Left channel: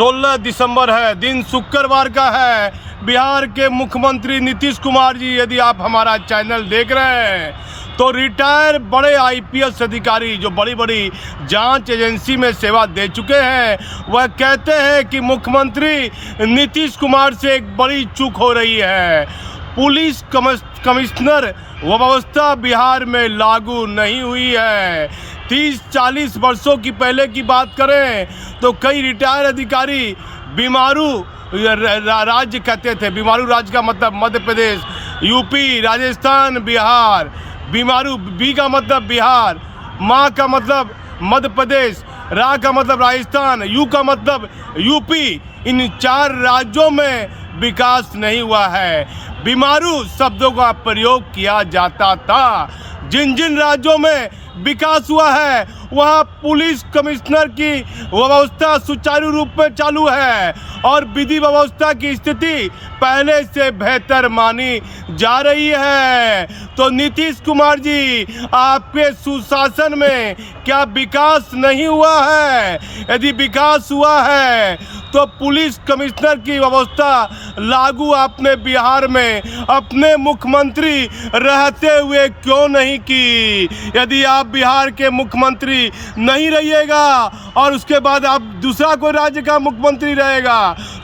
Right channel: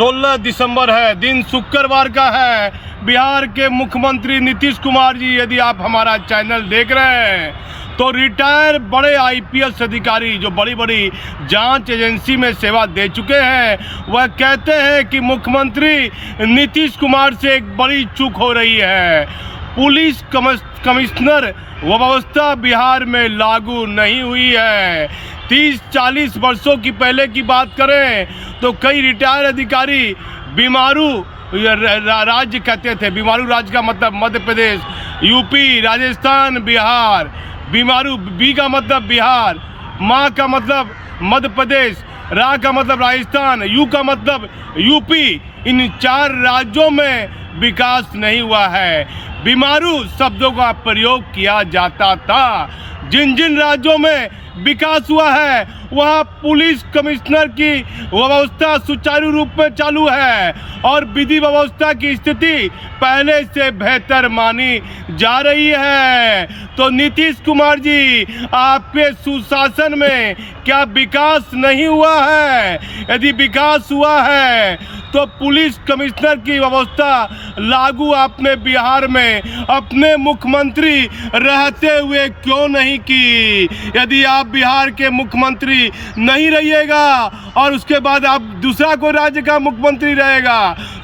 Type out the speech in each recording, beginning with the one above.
16 दिसंबर है, दिन शुक्रवार का है। बिहार के मुख्यमंत्री नीतीश कुमार जी, यदि आप हमारा चैनल देख रहे हैं तो रिटायर बड़े आईपीएस अधिकारी जो बड़ी बड़ी जांच एजेंसी में सेवा दे चुके हैं, वह कहते हैं कि मुख्यमंत्री नीतीश कुमार से एक बड़ी चूक हो रही है। पुलिस कमिश्नर व्यवस्था बिहार में लागू नहीं हुई है। 30-40 वर्षों की पहले की बात करें तो कई रिटायर अधिकारी बीमारू राज्य कहते थे। बीमारू राज्य का मतलब मध्य प्रदेश, यूपी, राजस्थान, बिहार। बीमारू बी का मतलब बिहार, माँ का मतलब मध्य प्रदेश, रा का मतलब राजस्थान, यू का मतलब यूपी। इन 4 राज्यों में विकास नहीं हुआ है। बीमारू शब्दों का प्रयोग किया जाता था। जिन जिन राज्यों में विकास हुआ है वहाँ पुलिस कमिश्नर की व्यवस्था सुचारू रूप में चालू है और विधि व्यवस्था की स्थिति पहले से बेहतर मानी जा रही है। तो नीतीश कुमार जी, आपके सुशासन में क्या विकास नहीं हुआ है? यदि विकास हुआ है तो पुलिस कमिश्नर की व्यवस्था लागू आपने बिहार में अपने मुख्यमंत्री रहते हुए क्यों नहीं की? यदि आप बिहार के मुख्यमंत्री नहीं रहिएगा और उसके बाद आप दूसरा कोई राज्य का मुख्यमंत्री रहेगा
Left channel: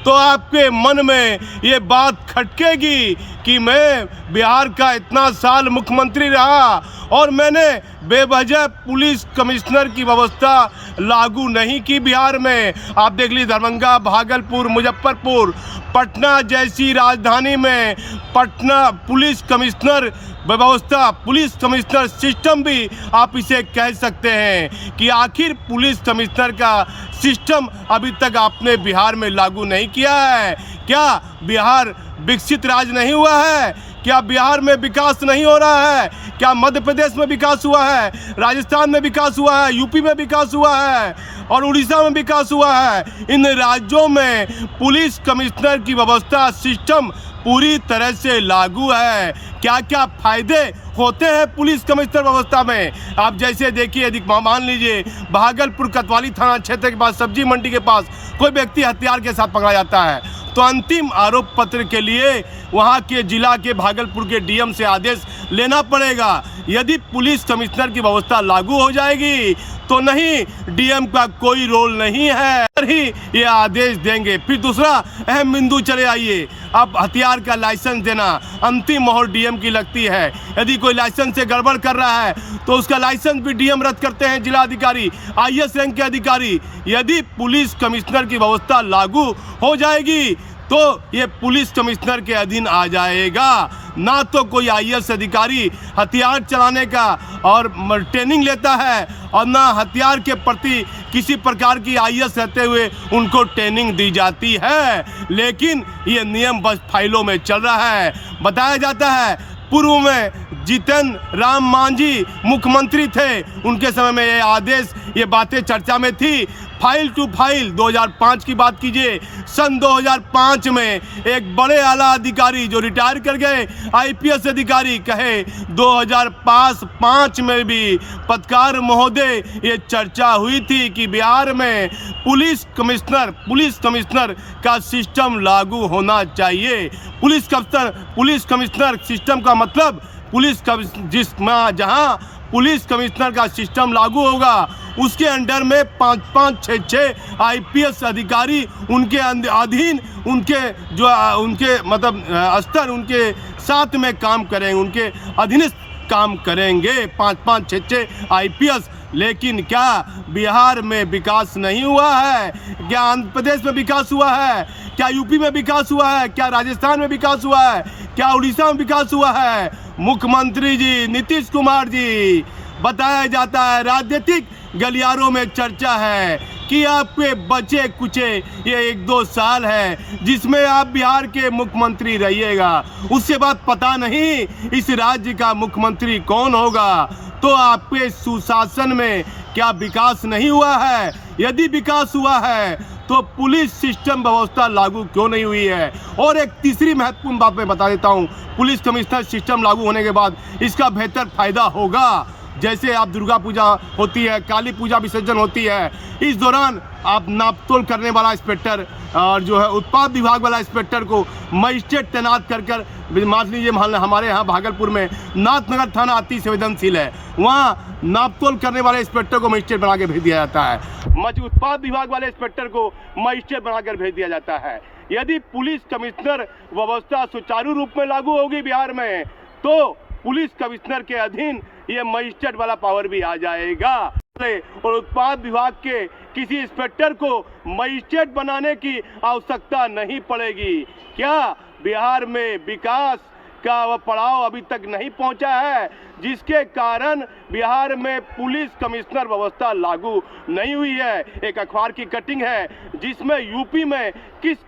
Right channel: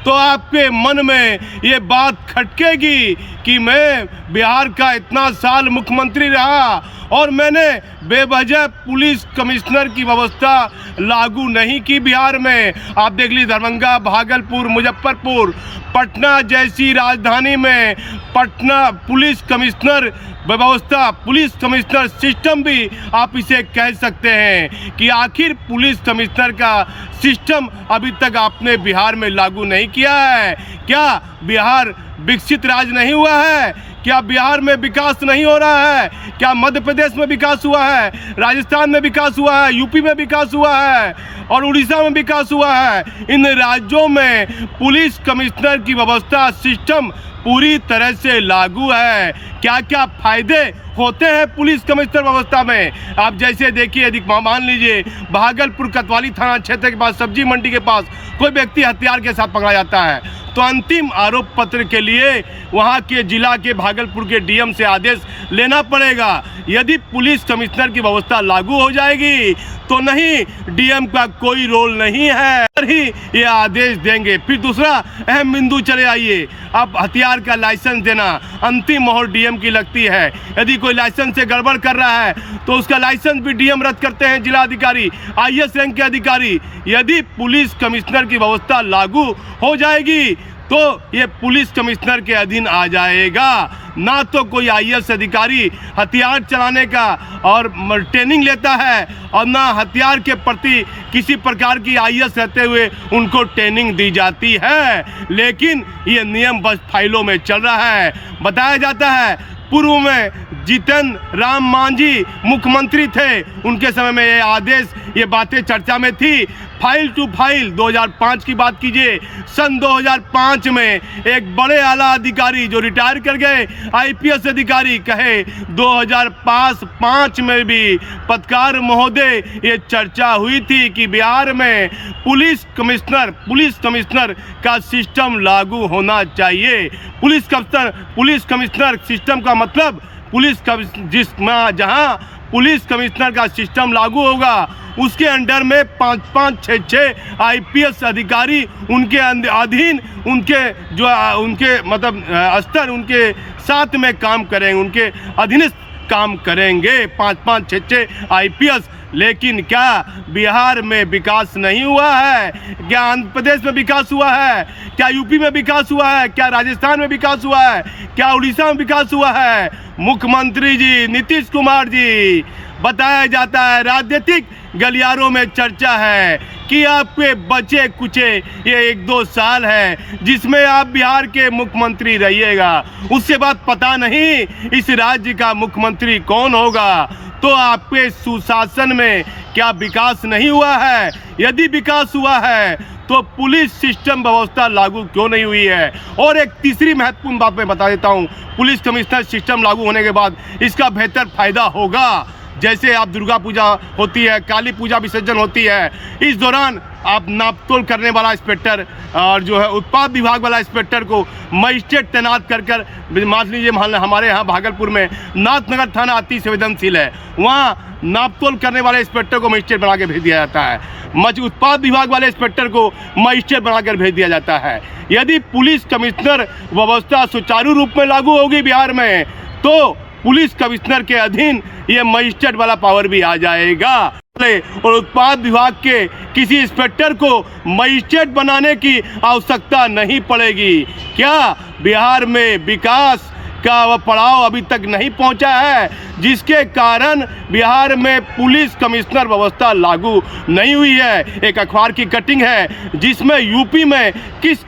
तो आपके मन में ये बात खटकेगी कि मैं बिहार का इतना साल मुख्यमंत्री रहा और मैंने बेवजह पुलिस कमिश्नर की व्यवस्था लागू नहीं की बिहार में। आप देख लीजिए, दरभंगा, भागलपुर, मुजफ्फरपुर, पटना जैसी राजधानी में पटना पुलिस कमिश्नर व्यवस्था, पुलिस कमिश्नर सिस्टम भी आप इसे कह सकते हैं कि आखिर पुलिस कमिश्नर का सिस्टम अभी तक आपने बिहार में लागू नहीं किया है। क्या बिहार विकसित राज्य नहीं हुआ है? क्या बिहार में विकास नहीं हो रहा है? क्या मध्य प्रदेश में विकास हुआ है, राजस्थान में विकास हुआ है, यूपी में विकास हुआ है और उड़ीसा में विकास हुआ है? इन राज्यों में पुलिस कमिश्नर की व्यवस्था सिस्टम पूरी तरह से लागू है। क्या क्या फायदे होते हैं पुलिस कमिश्नर व्यवस्था में? आप जैसे देखिए, यदि मान लीजिए भागलपुर कोतवाली थाना क्षेत्र के पास सब्जी मंडी के पास कोई व्यक्ति हथियार के साथ पकड़ा जाता है तो अंतिम आरोप पत्र के लिए वहां के जिला के भागलपुर के डीएम से आदेश लेना पड़ेगा। यदि पुलिस कमिश्नर की व्यवस्था लागू हो जाएगी तो नहीं, डीएम का कोई रोल नहीं है ही ये आदेश देंगे। फिर दूसरा अहम बिंदु चले आइए, अब हथियार का लाइसेंस देना, अंतिम मोहर डीएम की लगती है। यदि कोई लाइसेंस से गड़बड़ कर रहा है तो उसका लाइसेंस भी डीएम रद्द करते हैं, जिला अधिकारी, आईएएस रैंक के अधिकारी। यदि पुलिस कमिश्नर की व्यवस्था लागू हो जाएगी तो ये पुलिस कमिश्नर के अधीन आ जाएगा। ना तो कोई आईएएस अधिकारी हथियार चलाने का और ट्रेनिंग लेता है और ना हथियार के प्रति किसी प्रकार की आईएएस रहते हुए उनको ट्रेनिंग दी जाती है। लेकिन ये नियम बस फाइलों में चल रहा है। बताया जाता है पूर्व में जीतन राम मांझी मुख्यमंत्री थे, उनके समय में ये आदेश, ये बातें चर्चा में थी। फाइल टू फाइल 2005 की बात कीजिए, सन 2005 में एक बड़े आला अधिकारी जो रिटायर कर गए आईपीएस अधिकारी कहे 2005 में भी पत्रकार महोदय ये चर्चा हुई थी कि बिहार में पुलिस कमिश्नर का सिस्टम लागू होना चाहिए। पुलिस कमिश्नर सिस्टम का मतलब जहां पुलिस कमिश्नर का सिस्टम लागू होगा उसके अंडर में 5-5, 6-6 आईपीएस अधिकारी उनके अधीन, उनके मतलब स्तर उनके साथ में काम करेंगे, उनके अधीनस्थ काम करेंगे 5-5, 6-6 आईपीएस। लेकिन क्या बिहार में विकास नहीं हुआ है? क्या आंध्र प्रदेश में विकास हुआ है? क्या यूपी में विकास हुआ है? क्या राजस्थान में विकास हुआ है? क्या उड़ीसा में विकास हुआ है? मुख्यमंत्री जी नीतीश कुमार जी, बताया जाता है, राजनीतिक गलियारों में चर्चा है कि आपके बचे कुचे ये 1-2 साल है जिसमें आप बिहार के मुख्यमंत्री रहिएगा, उसके बाद पता नहीं इस राज्य का मुख्यमंत्री कौन होगा। तो आपके सुशासन में क्या विकास नहीं हुआ है? यदि विकास हुआ है तो पुलिस सिस्टम व्यवस्था लागू क्यों नहीं हुई है? और एक तीसरी महत्वपूर्ण बात मैं बता देता हूं, पुलिस कमिश्नर सिस्टम लागू होने के बाद इसका बेहतर फायदा होगा। जैसे आप दुर्गा पूजा होती है, काली पूजा विसर्जन होती है, इस दौरान आप नापतोल करने वाला इंस्पेक्टर और जो है उत्पाद विभाग वाला इंस्पेक्टर को मजिस्ट्रेट तैनात कर मान लीजिए हमारे यहाँ भागलपुर में नाथनगर थाना अति संवेदनशील है, वहाँ नापतोल करने वाले इंस्पेक्टर को मजिस्ट्रेट बना के भेज दिया जाता है, उत्पाद विभाग वाले इंस्पेक्टर को मजिस्ट्रेट बनाकर भेज दिया जाता है। यदि पुलिस कमिश्नर व्यवस्था सुचारू रूप में लागू होगी बिहार में, तो पुलिस कमिश्नर के अधीन ये मजिस्ट्रेट वाला पावर भी आ जाएगा और उत्पाद विभाग के किसी इंस्पेक्टर को मजिस्ट्रेट बनाने की आवश्यकता नहीं पड़ेगी। क्या बिहार में विकास का वह पड़ाव अभी तक नहीं पहुंचा है, जिसके कारण बिहार में पुलिस कमिश्नर व्यवस्था लागू नहीं हुई है। एक अखबार की कटिंग है जिसमें यूपी में किस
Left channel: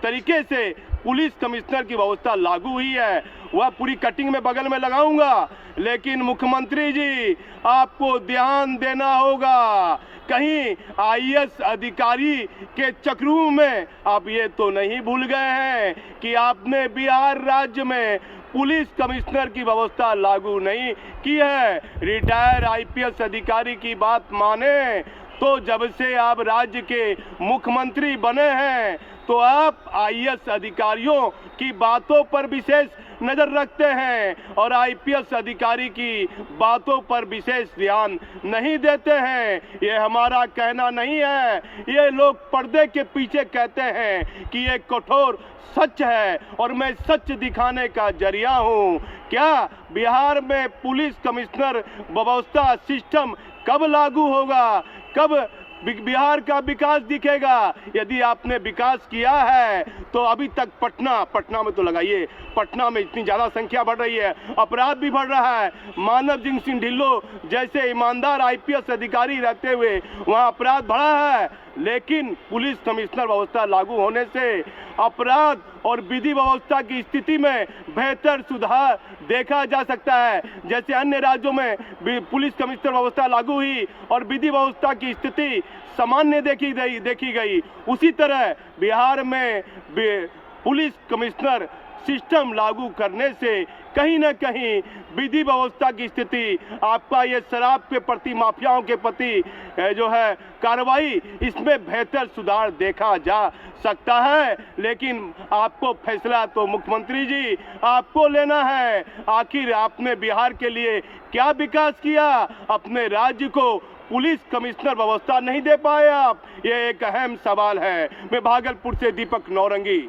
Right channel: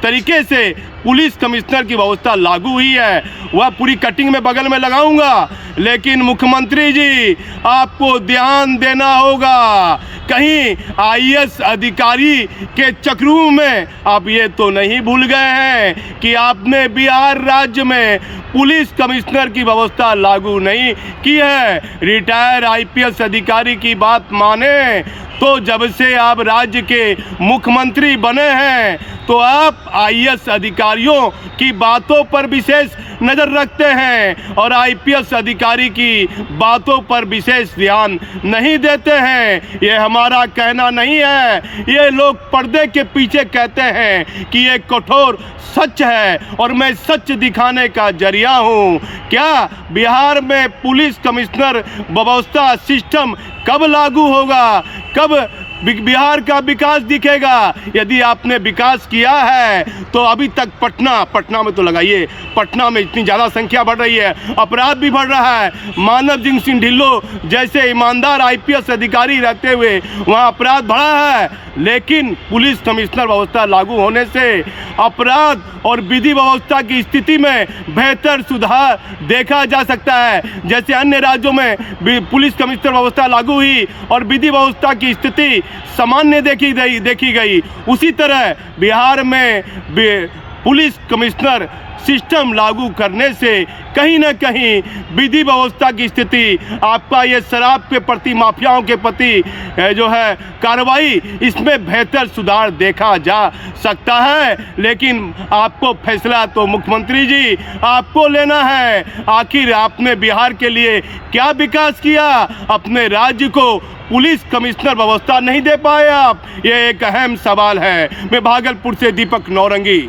तरीके से पुलिस कमिश्नर की व्यवस्था लागू हुई है, वह पूरी कटिंग में बगल में लगाऊंगा। लेकिन मुख्यमंत्री जी, आपको ध्यान देना होगा, कहीं आईएएस अधिकारी के चक्रों में आप ये तो नहीं भूल गए हैं कि आपने बिहार राज्य में पुलिस कमिश्नर की व्यवस्था लागू नहीं की है। रिटायर आईपीएस अधिकारी की बात माने तो जब से आप राज्य के मुख्यमंत्री बने हैं, तो आप आईएएस अधिकारियों की बातों पर विशेष नज़र रखते हैं और आईपीएस अधिकारी की बातों पर विशेष ध्यान नहीं देते हैं। ये हमारा कहना नहीं है, ये लोग पर्दे के पीछे कहते हैं कि ये कठोर सच है और मैं सच दिखाने का जरिया हूँ। क्या बिहार में पुलिस कमिश्नर व्यवस्था सिस्टम कब लागू होगा, कब बिहार का विकास दिखेगा? यदि आपने विकास किया है तो अभी तक पटना में तो लगाइए, पटना में इतनी ज़्यादा संख्या बढ़ रही है, अपराध भी बढ़ रहा है। मानव सिंह ढिल्लो जैसे ईमानदार आईपीएस अधिकारी रहते हुए वहाँ अपराध बढ़ा है, लेकिन पुलिस कमिश्नर व्यवस्था लागू होने से अपराध और विधि व्यवस्था की स्थिति में बेहतर सुधार देखा जा सकता है। जैसे अन्य राज्यों में पुलिस कमिश्नर व्यवस्था लागू हुई और विधि व्यवस्था की स्थिति सामान्य देखी गई, उसी तरह बिहार में पुलिस कमिश्नर सिस्टम लागू करने से कहीं ना कहीं विधि व्यवस्था की स्थिति, आपका ये शराब के प्रति, माफियाओं के प्रति जो है कार्रवाई, इसमें बेहतर सुधार देखा जा सकता है। लेकिन आपको फैसला तो मुख्यमंत्री जी आपको लेना है। आखिर आपने बिहार के लिए क्या विकास किया? अपने राज्य को पुलिस कमिश्नर व्यवस्था नहीं दे पाए आप, ये एक अहम सवाल है। मैं भागलपुर से दीपक नौरंगी।